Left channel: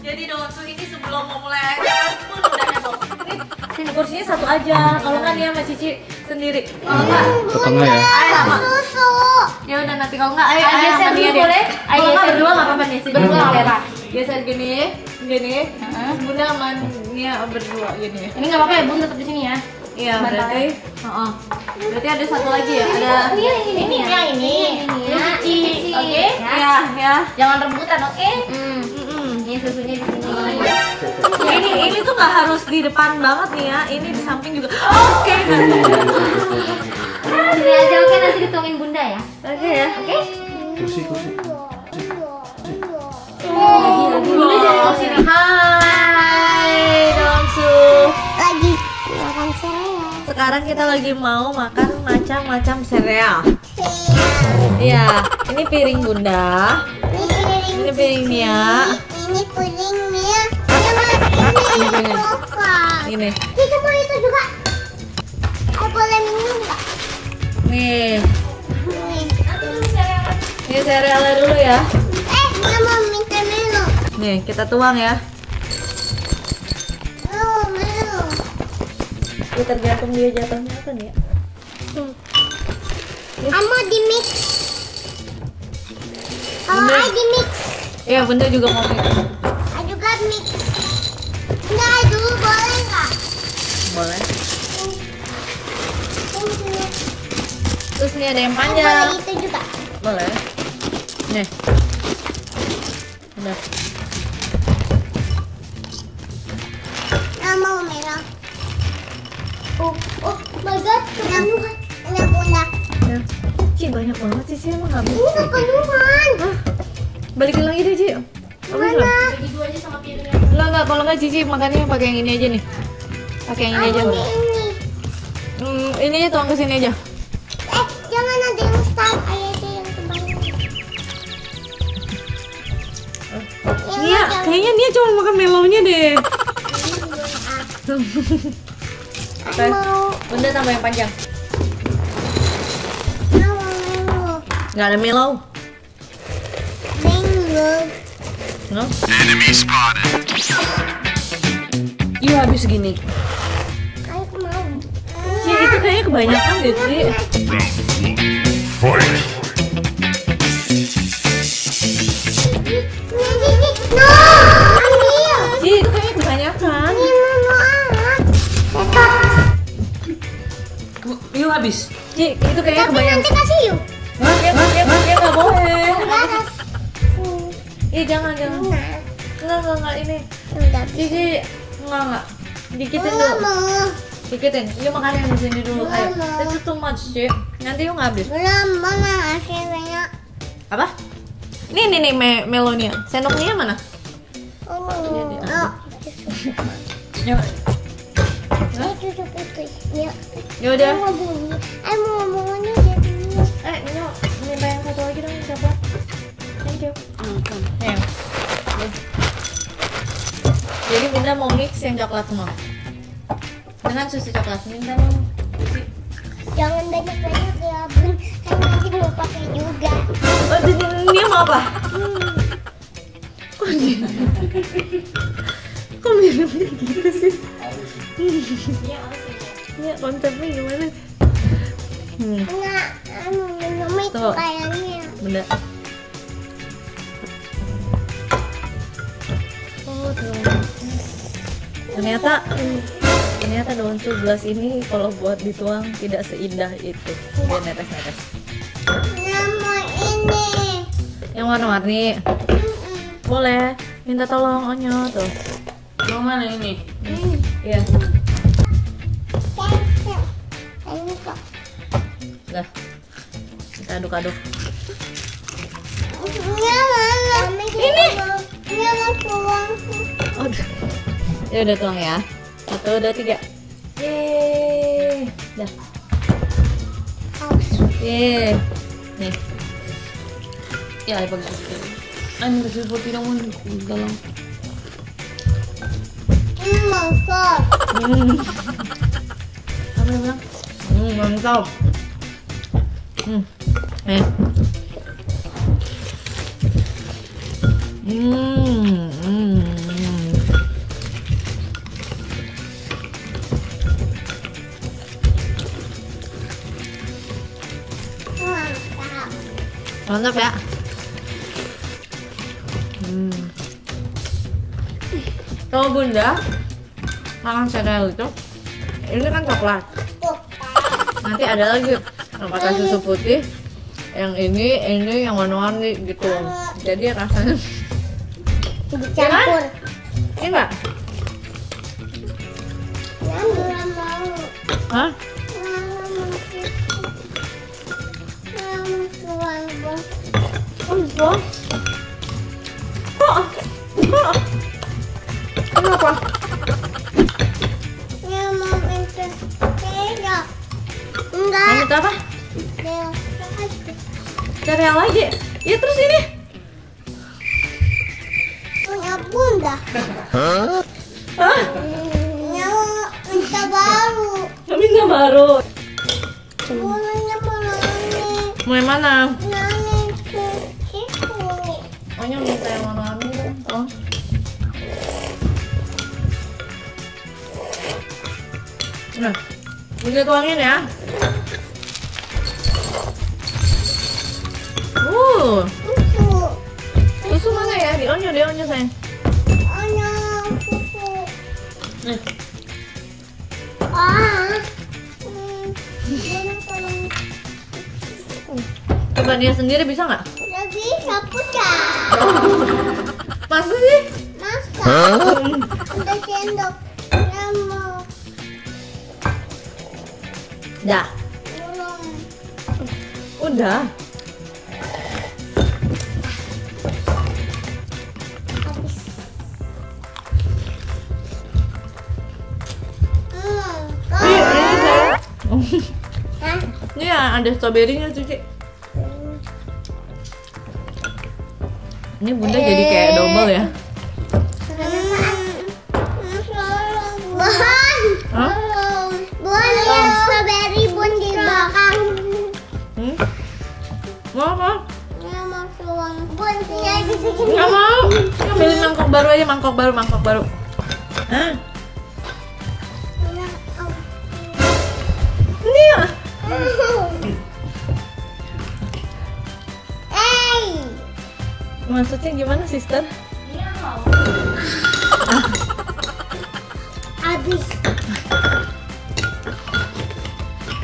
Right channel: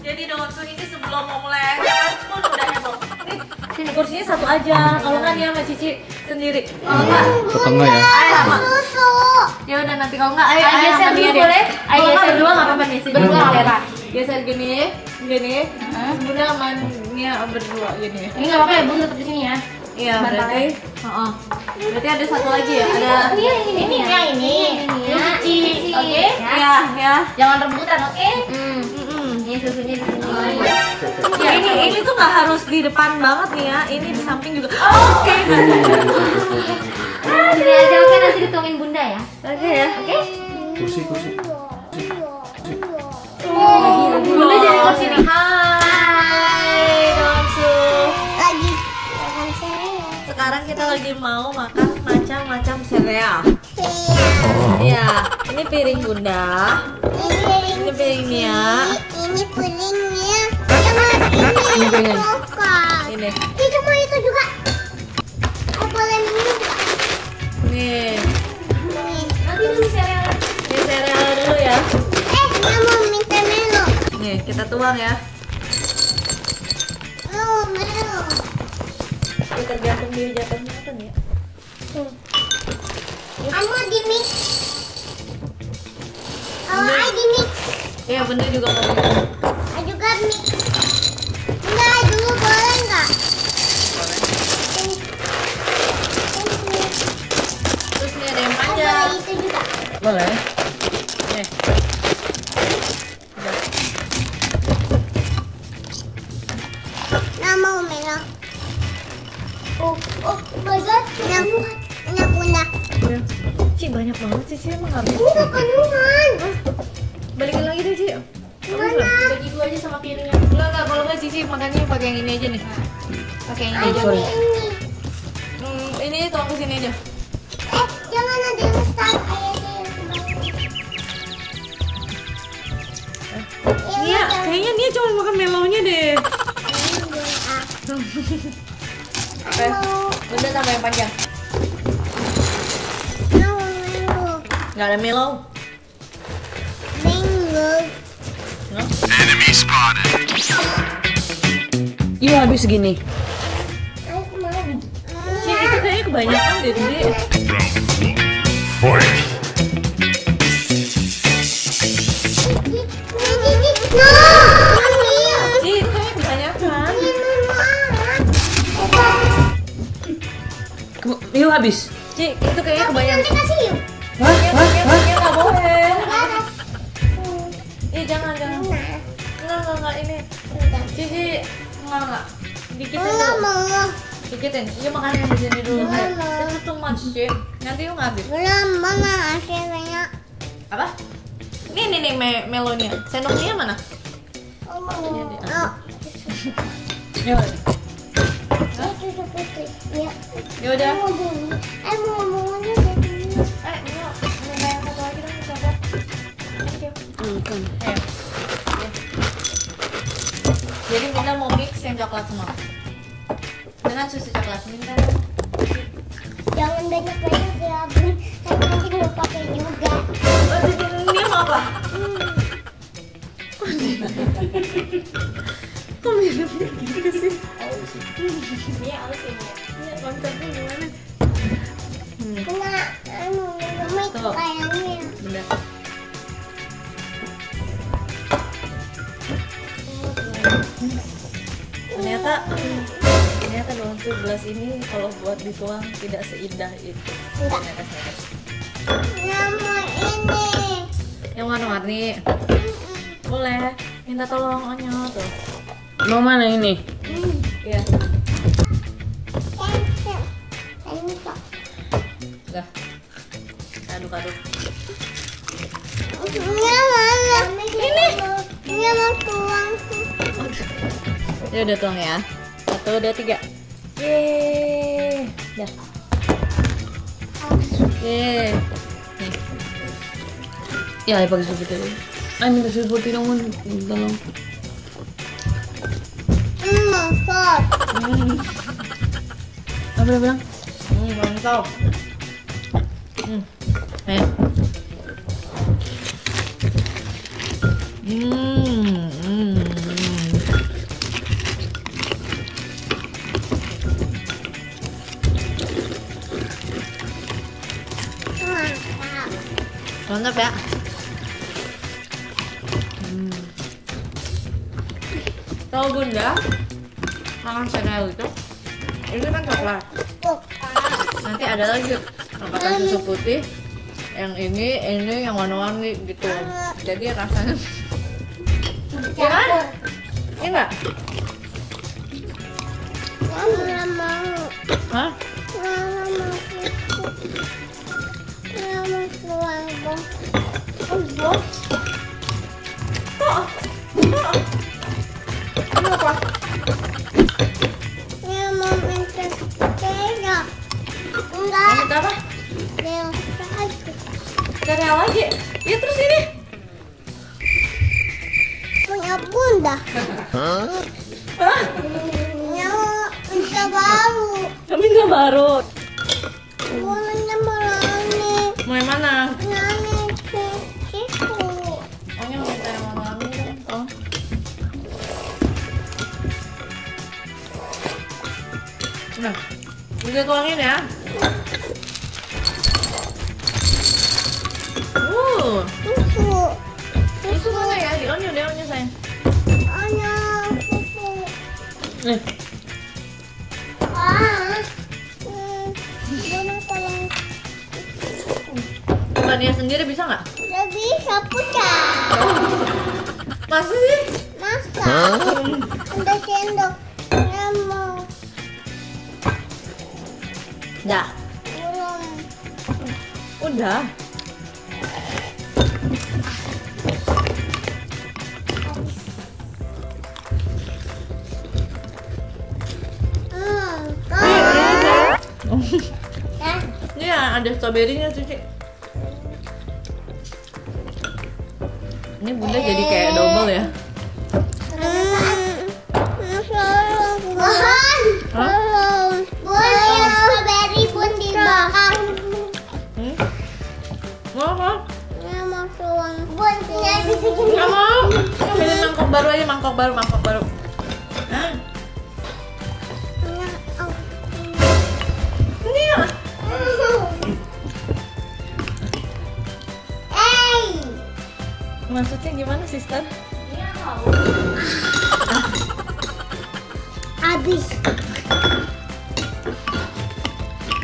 Jadi Donsu ini sebelum mau mulai pun udah heboh. Sini kursinya satu aja. Kalau nggak dia sama Cici sendiri. Kalau nggak, Ketengah ya. Ayah sama. Susu. Ya udah nanti kalau nggak ayah Geser sama dulu dia deh. boleh? Kalau nggak Geser berdua nggak apa-apa nih. Berdua nggak apa-apa. Geser gini, Bunda sama Nia berdua gini. Ini nggak apa-apa ya, Bun tetap di sini ya. Iya berarti. Berarti ada satu lagi ya. Ada. Ini ya ini. Cici. Oke. Iya ya. Jangan rebutan, oke? Ini susunya di sini. Ini tuh nggak harus di depan banget nih ya. Ini di samping juga. Oke. Sini aja, oke, nanti dituangin Bunda ya. Oke ya. Oke? Kursi. Bunda jadi ke sini. Hai Donsu. Lagi makan sereal. Sekarang kita lagi mau makan macam-macam sereal. Iya, ini piring Bunda. Ini piring Nia. Ini pudingnya. Ini piring. Coklat. Ini. Itu mau itu juga. Oh, boleh minum nggak? Nih. Nih. Nanti minum sereal. Ini serealnya dulu ya. Dia mau minta Melo. Nih, kita tuang ya. Melo. Ya tergantung dia jatuhnya kan ya. Mau di mix. Kalau Bunda. I di mix, Iya, Bunda juga mau minum. I juga mix. Enggak, dulu boleh nggak? Boleh. Thank you. Terus nih ada yang Boleh panjang. itu juga. Boleh. Nih. Udah. Nggak mau Melo. Oh my god, enak Bunda. Ya. Ci banyak banget sih, Ci emang habis. Ini kekandungan. Balikin lagi deh, Ci. Habis lah. Bagi dua aja sama piringnya. Enggak, kalau enggak Cici makannya pakai yang ini aja nih. Pakai yang ini aja. Ini. Ini aja tuang ke sini aja. Jangan ada yang start. Ayo aja yang kebanyakan. Nia, kayaknya Nia cuma makan melonya deh. Oke. Mau. Bunda tambah yang panjang. Mau Melo. Enggak ada melo. Bingo. No? Iya habis segini. Ayo mau. Ci, itu kayaknya kebanyakan deh, Ci. No, ambil. Ci, itu kayaknya kebanyakan. Yuk habis. Ci, itu kayaknya kebanyakan. Nanti kasih yuk. Dia nggak boleh. Enggak. Ih, jangan. Enggak, ini. Udah. Cici, enggak. Dikitin Enggak dulu. mau. Dikitin. Yuk makan yang di sini dulu. Ayo. Mama. Itu too much, Ci. Nanti yuk nggak habis. Belum, Mama masih banyak. Apa? Nih, melonia. Sendoknya mana? Oh, mau. Ini dia. Oh, Yuk. itu seperti. Ya. Ya udah. Mau bunyi. Mau bunyi jadi. Nino, minta yang satu lagi dong, coklat. Thank you. Nih. Nih. Jadi Bunda mau mix yang coklat semua dengan susu coklat. Minta dong. Jangan banyak-banyak ya, Bun. Saya nanti mau pakai juga. Oh, dia mau apa? Kok minumnya gitu sih? Ya, konsepnya gimana? Enggak, minum itu Tuh. kayaknya. Bunda. Oh, Tuhan. Ternyata Donsu gelas ini kalau buat dituang tidak seindah itu. Dia netes-netes. Nama ini. Yang warna-warni. Boleh. Minta tolong Onyo tuh. Mau mana ini? Iya. Cancel. Ini kok. Udah. Kita aduk-aduk. Ini mana? Ini. Ini mau tuang. Aduh. Ya udah tuang ya. 1, 2, 3. Yeay. Dah. Yeay. Nih. Ya pakai susu dulu. Minta susu putih dong, tolong. Masak. Apa dia bilang? Mantap. Nih. Mantap ya. Kalau Bunda makan sereal itu, ini kan coklat. Nanti ada lagi pakai susu putih. Yang ini yang warna-warni gitu. Jadi rasanya Campur. ini enggak? Nggak mau. Hah? Nggak mau susu. Nggak mau suang, Bang. Bos. Kenapa? Nggak mau minta sepeda. Kamu Enggak. minta apa? Dia Sereal lagi. Ya terus ini. punya Bunda. Hah? Mau minta baru. Kami nggak baru. Bundanya mau nani. Mau yang mana? Nani ke situ. Oh, yang minta yang warna-warni deh. Oh. Nah, Bunda tuangin ya. Susu. Susu mana ya? Di onyo sayang. Hanya susu. Nih, Bunda tolong. Coba dia sendiri bisa nggak? Udah bisa putar. Masa sih? Masa? Udah sendok. Nggak mau. Dah. Belum. Udah. Habis. Hah? Ini ya ada stroberinya Cici. Ini Bunda jadi kayak double ya. Hah? Bun, strawberry bun dimakan. Mau apa? Nggak mau suang. Bun, nggak bisa gini. Nggak mau. Ambilin mangkok baru aja, mangkok baru. Hah? Nggak, oh. Ini ya. Hey, Maksudnya gimana, sister? habis.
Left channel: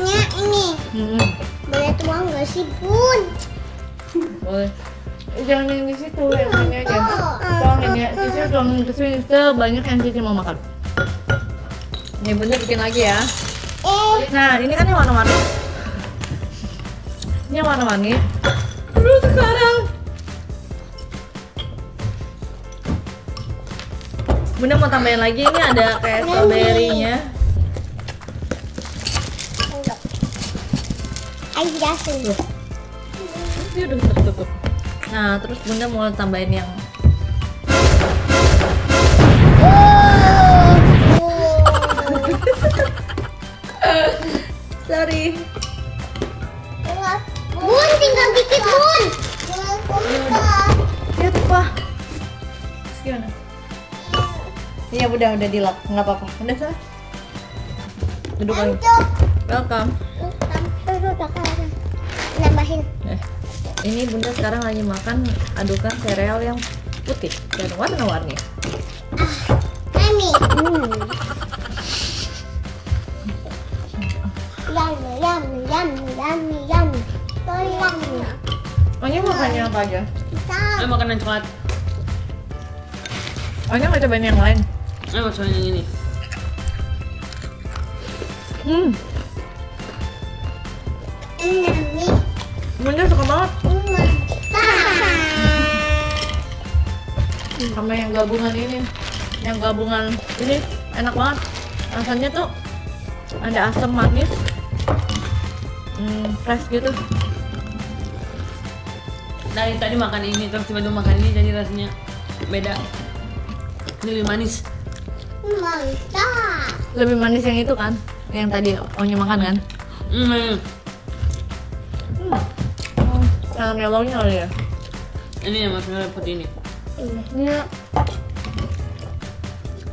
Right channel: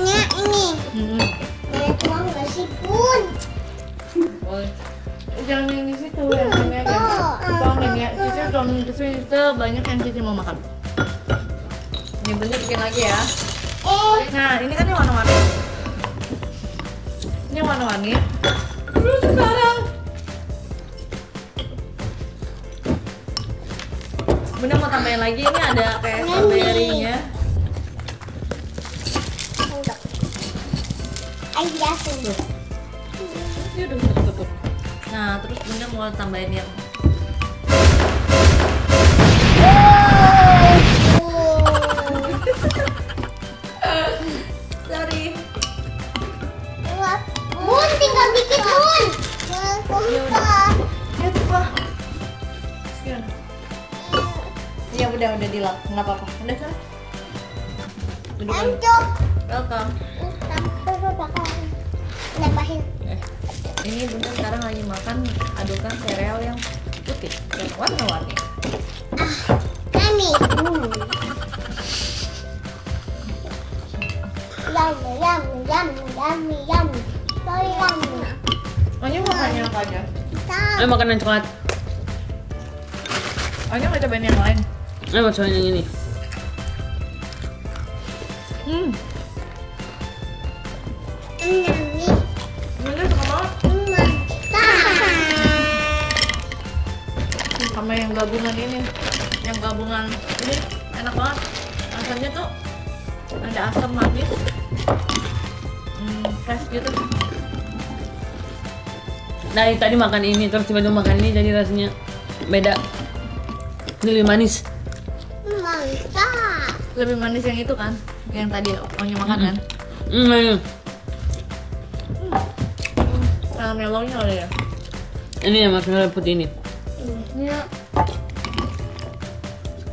Nya ini boleh tuang nggak sih Bun? Boleh. Jangan yang di situ, yang ini aja. Tuangin ya. Cici tuangin ke sini sebanyak yang Cici mau makan. Ini Bunda bikin lagi ya. Nah, ini kan yang warna-warni. Ini yang warna-warni. Terus sekarang Bunda mau tambahin lagi, ini ada kayak strawberry-nya. Enggak. Ayo jatuh. Ini udah tertutup. Nah, terus Bunda mau tambahin yang sorry. Bun, tinggal dikit Bun. Ya tuh Pak. Gimana? Iya udah dilap, nggak apa-apa. Udah sana. Duduk lagi. Lanjut. Welcome. Sampai udah nambahin. Ini Bunda sekarang lagi makan adukan sereal yang putih dan warna-warni. Mami. Yummy. Sorry, yummy. Anya makannya apa aja? ayo makanan coklat. Anya nggak cobain yang lain? Ayo mau cobain yang ini. Yummy. Bunda suka banget sama yang gabungan ini. Yang gabungan ini enak banget. Rasanya tuh ada asam manis, fresh gitu. Dari tadi makan ini terus tiba-tiba makan ini jadi rasanya beda. Ini lebih manis. Mantap. Lebih manis yang itu kan, yang tadi Onya makan kan? Melonnya kali ya. Ini yang marshmallow putih ini. Iya.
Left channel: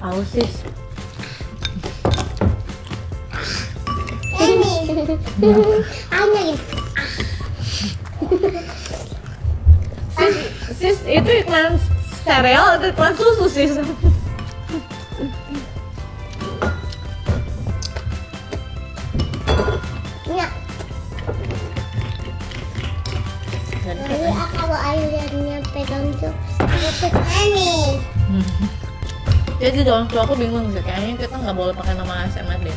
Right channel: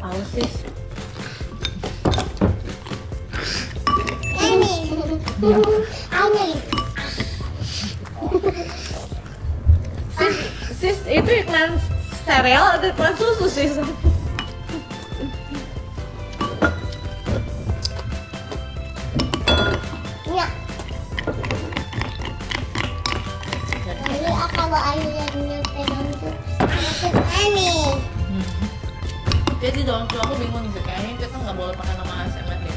Ausis. Ini. Sis, itu iklan sereal atau iklan susu sis? Ya. Jadi kalau airnya pegang tuh aneh. Jadi dong, tuh aku bingung sih, kayaknya kita nggak boleh pakai nama ASMR deh.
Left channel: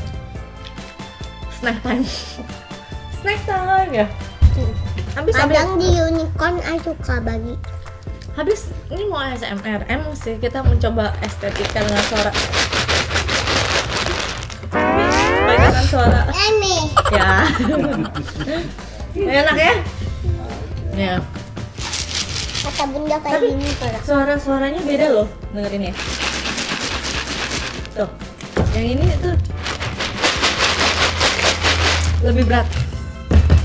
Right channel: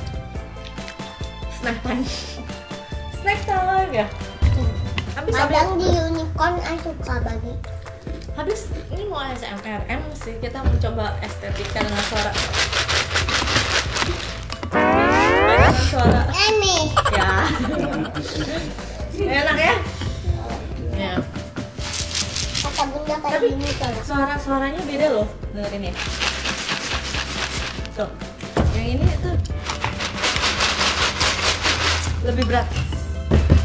Snack time. Snack time ya. Kadang di unicorn aku suka bagi. Habis ini mau ASMR, emang sih kita mencoba estetika dengan suara. Dengan suara. Aneh. Ya. Enak ya? Ya. Kata bunda kayak Tapi gini kan. suaranya beda loh, dengerin ya. Tuh, yang ini tuh lebih berat.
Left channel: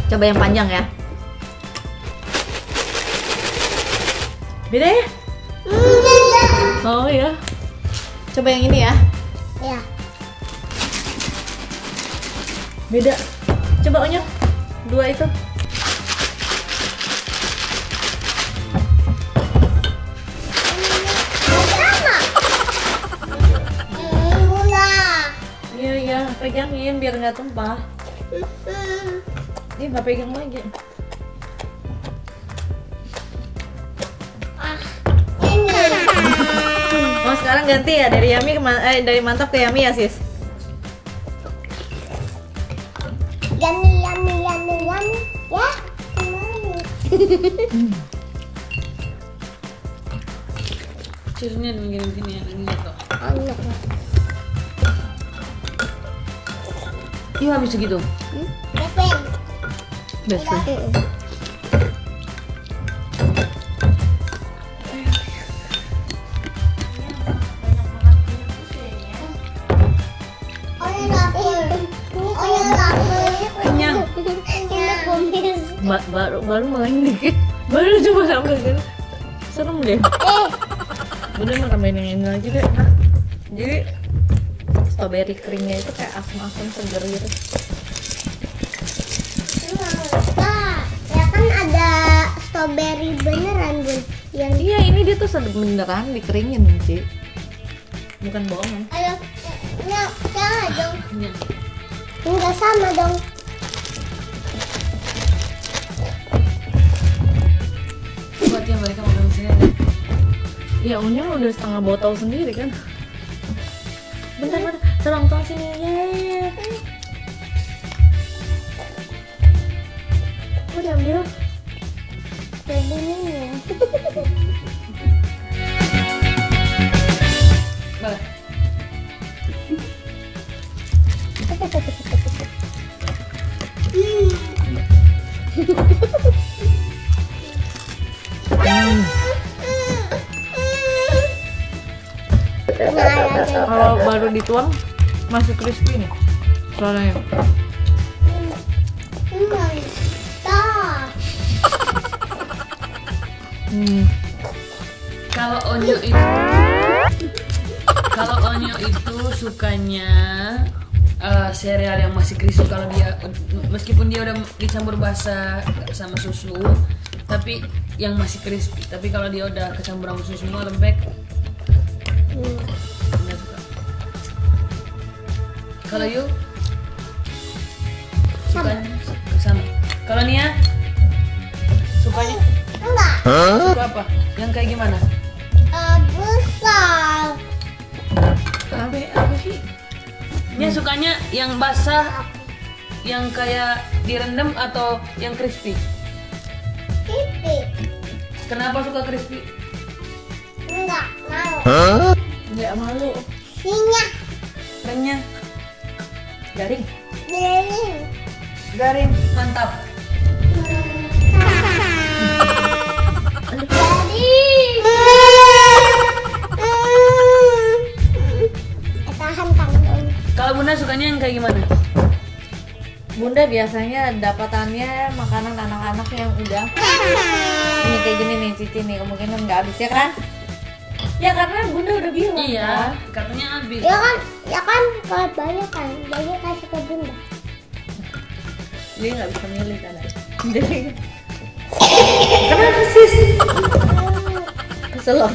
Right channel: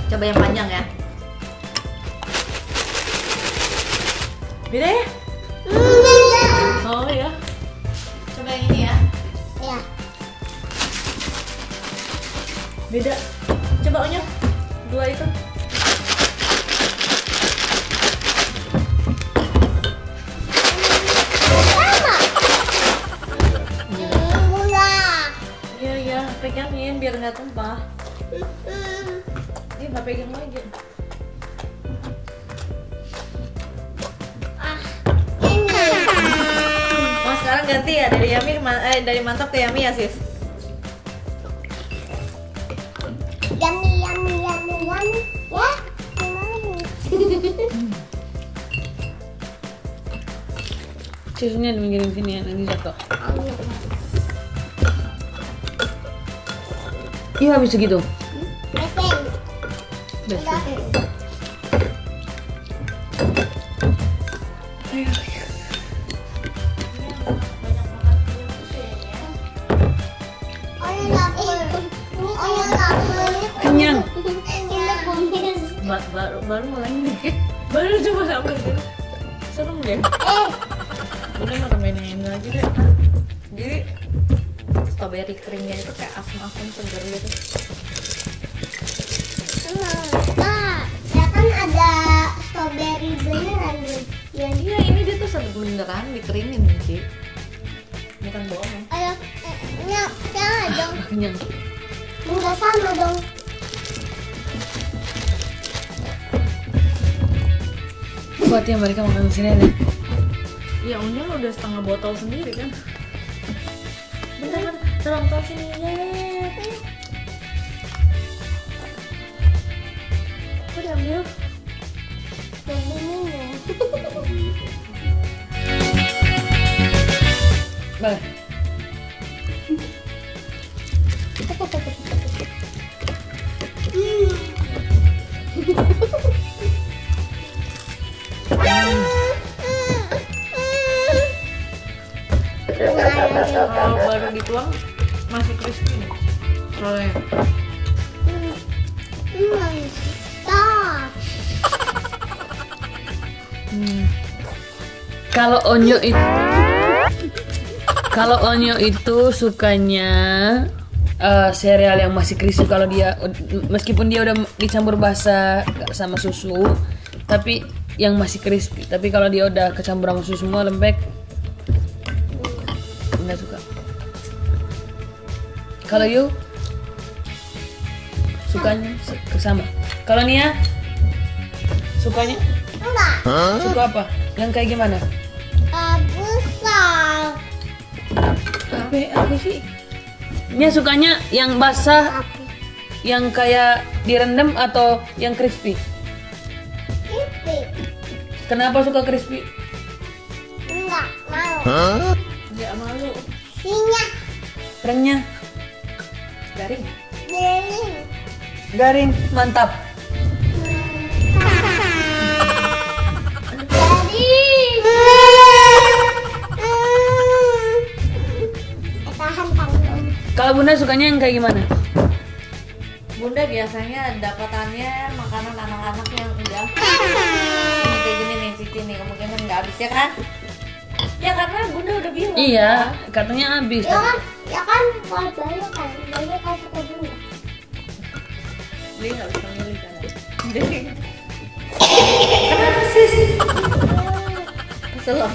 Coba yang panjang ya. Beda ya? Oh ya. Coba yang ini ya. Ya. Beda. Coba Onyok. Dua itu. Sama. Gula. Iya iya, pegangin biar nggak tumpah. Dia nggak pegang lagi. Ini. Oh sekarang ganti ya dari Yami dari mantap ke Yami ya sis. Yummy. Ya. Susunya diminggirin sini ya, nanti jatuh. Iya habis segitu. Pepen. Betul. Kenyang. Baru main dikit. Baru coba sampai sini. Serem deh. Udah mau tambahin yang ini lagi deh. Jadi strawberry keringnya itu kayak asam-asam seger gitu. Ya kan ada strawberry beneran bun. Yang Iya ini dia tuh beneran dikeringin Ci. Bukan bohong. ayo, jangan dong. Kenyang. Enggak sama dong. Buat ya mereka makan di sini ada. Ya Unya udah setengah botol sendiri kan. Bentar, tolong sini ya. Kok diambil? Jadi minum. Boleh. Kalau baru dituang masih crispy nih suaranya. Mantap. Kalau Onyo itu sukanya sereal yang masih crispy. Kalau dia meskipun dia udah dicampur basah sama susu, tapi yang masih crispy. Tapi kalau dia udah kecampur sama susu semua lembek, nggak suka. Kalau you sukanya sama. Kalau Nia sukanya Enggak. suka apa? Yang kayak gimana? Besar. Apa sih? Nia sukanya yang basah, yang kayak direndam atau yang crispy? Pipi. Kenapa suka crispy? Enggak mau. Nggak malu. Sinyak. Renyah, Garing. Garing. garing, mantap. Tahan tanggung. Kalau Bunda sukanya yang kayak gimana? Bunda biasanya dapatannya makanan anak-anak yang udah ini kayak gini nih Cici nih kemungkinan nggak habis ya kan? Ya karena Bunda udah bilang. Iya, kan? katanya habis. Ya kan kalau banyak kasih ke bunda. Dia nggak bisa milih kan? Jadi kenapa sih? Kesel loh.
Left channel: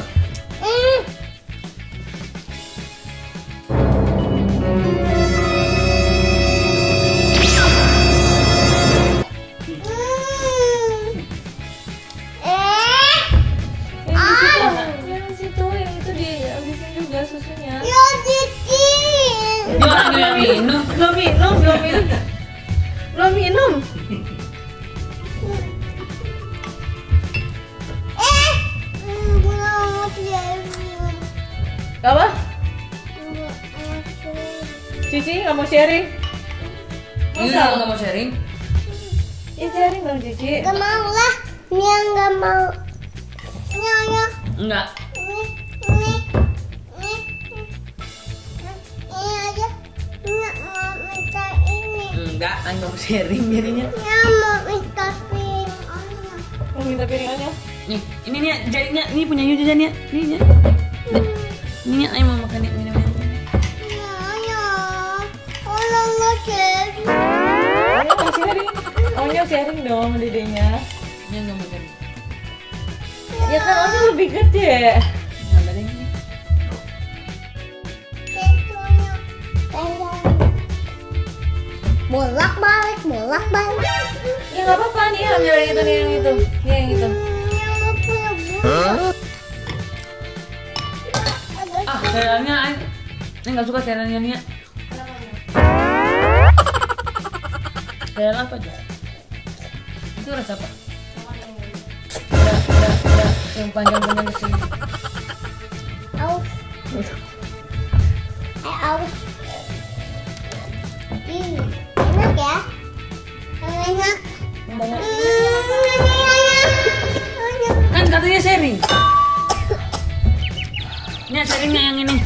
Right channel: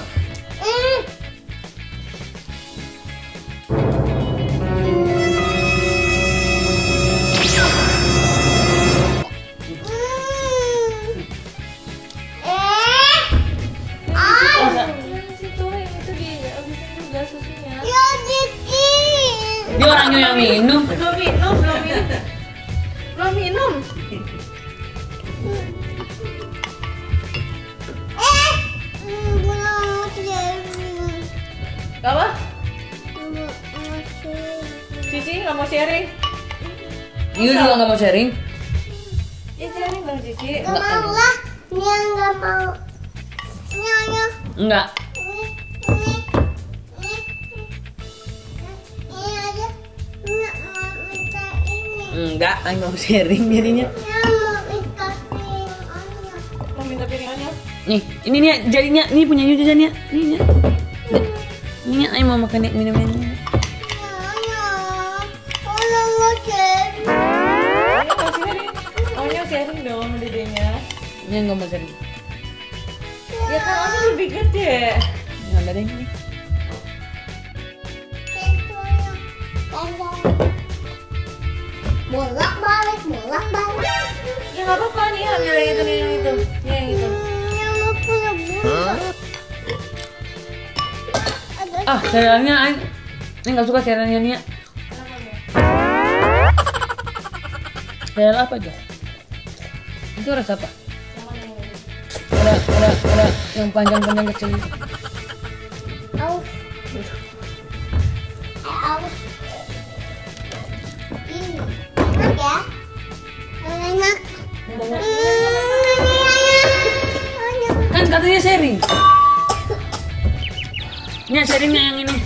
Yang situ, yang itu dihabisin juga susunya. Ya dikit. Dia orangnya yang minum. Belum minum. Belum jadi. Apa? Belum jadi. Cici nggak mau sharing? Iya juga nggak mau sharing. Ya sharing dong Cici. Gak mau lah. Nia gak mau. Nia. Enggak. Ini aja. Nia mau minta ini. Enggak, nggak mau sharing jadinya. Nia mau minta piringnya. Mau minta piringannya? Nih, ini nih jadinya ini punya Yu jajan ya. Nih ya. Ini ayo mau makan nih minum ini. Nia. Kalau nggak jadi. Ayo mau sharing. Maunya sharing dong sama dedenya. Ini nggak mau sharing. Ya kan Onya lebih gede. Nggak ada ini. Tentunya. Bolak balik. Ya nggak apa-apa nih, ambil yang itu nih, yang itu. Nih yang itu. Yang mau punya bola. Ada Ah, cerealnya ini nggak suka cerealnya Nia. Cereal apa Jo? Itu rasa apa? Ada yang panjang kecil. aus. Aus. Ini enak ya? Enak. Kan katanya sharing. Nia sharingnya yang ini.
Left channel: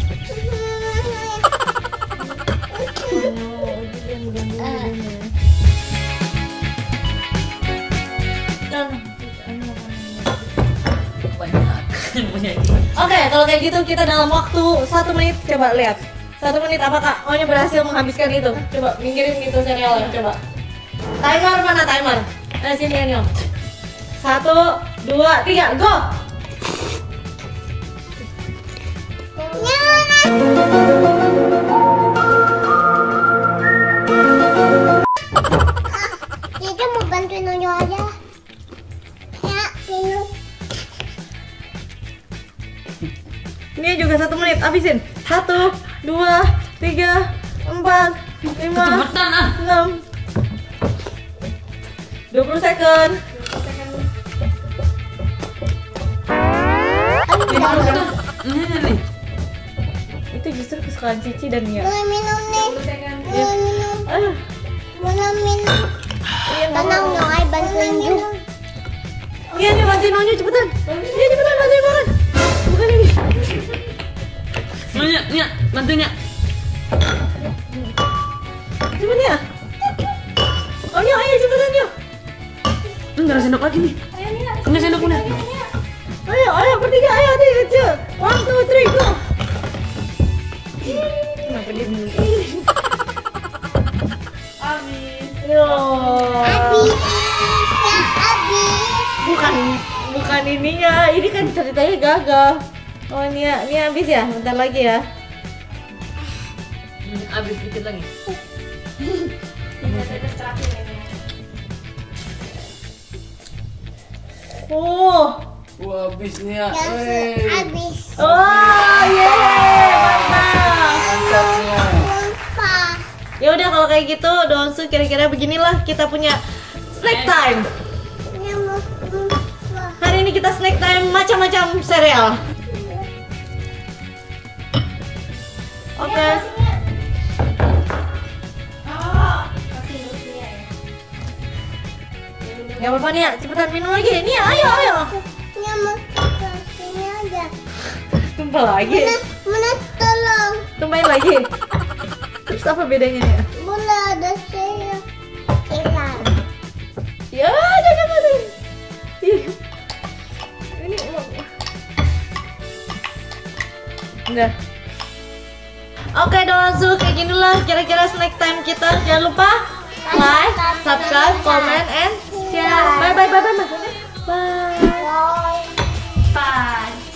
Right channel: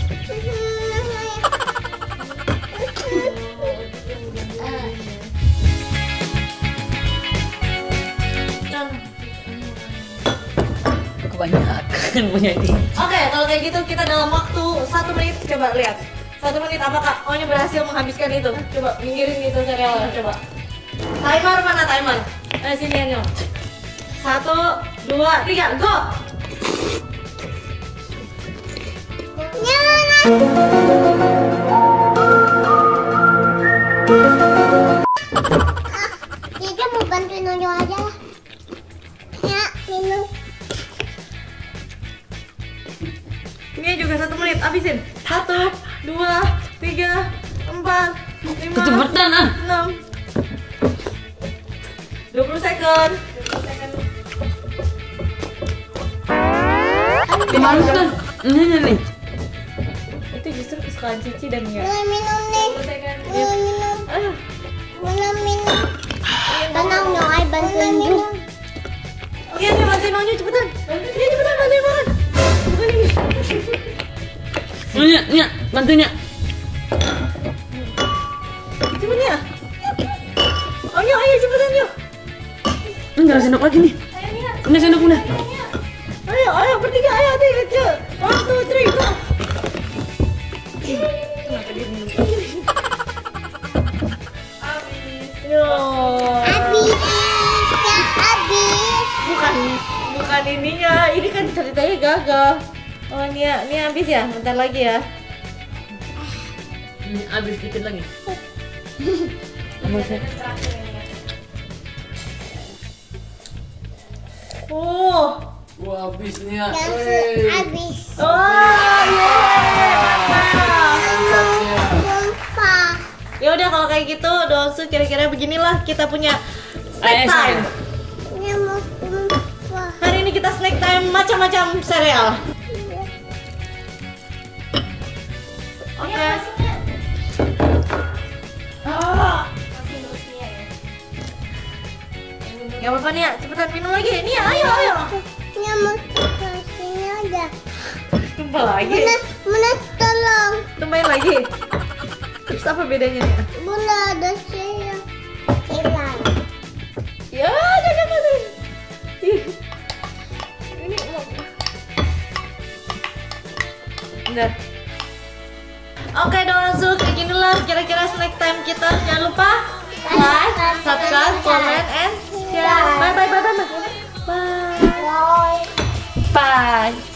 Kebanyakan punya dia. Oke, kalau kayak gitu kita dalam waktu 1 menit coba lihat. 1 menit apakah Onya berhasil menghabiskan itu? Coba minggirin gitu cerealnya, coba. Timer mana timer? Nah sini Anyo. 1, 2, 3, go! Kita mau bantuin Noyo aja. Ya, minum. Ini juga 1 menit, habisin. 1, 2, 3, 4, 5, Kecepatan ah. 6, 20 second. 5 menit. Ini nih. Itu justru kesukaan Cici dan Nia. Mulai minum nih. Mulai minum. Ah, Mulai minum. iya, Tenang dong, ay bantuin juga. Iya nih, bantuin Onya cepetan. Iya cepetan bantuin makan. Bukan ini. Nia, bantuin Nia. Cepet Nia. Onya, ayo cepetan yuk. Enggak ada sendok lagi nih. Punya sendok udah. Ayo bertiga, ayo adik kecil. 1, 2, 3, go. Kenapa dia minum ini? Habis. Yo. Habis. Ya, habis. Bukan ininya. Ini kan ceritanya gagal. Oh Nia habis ya? Bentar lagi ya. Habis dikit lagi. Habis Nia. Yang habis. Oh, yeay, mantap. Lupa. Ya udah kalau kayak gitu, Donsu kira-kira beginilah kita punya snack time. Yang mau lupa. Hari ini kita snack time macam-macam sereal. Oke. Gak apa-apa Nia, cepetan minum lagi. Nia, ayo. Yang mau kasihnya aja. Tumpah lagi. Mana tolong. Tumpahin lagi. Terus apa bedanya Nia? Bunda ada saya. Hilang. Ya, jangan mati. Ih. Ini udah. Oke, Donsu, kayak ginilah kira-kira snack time kita. Jangan lupa like, subscribe, comment, and share. Bye. Bye. Bye.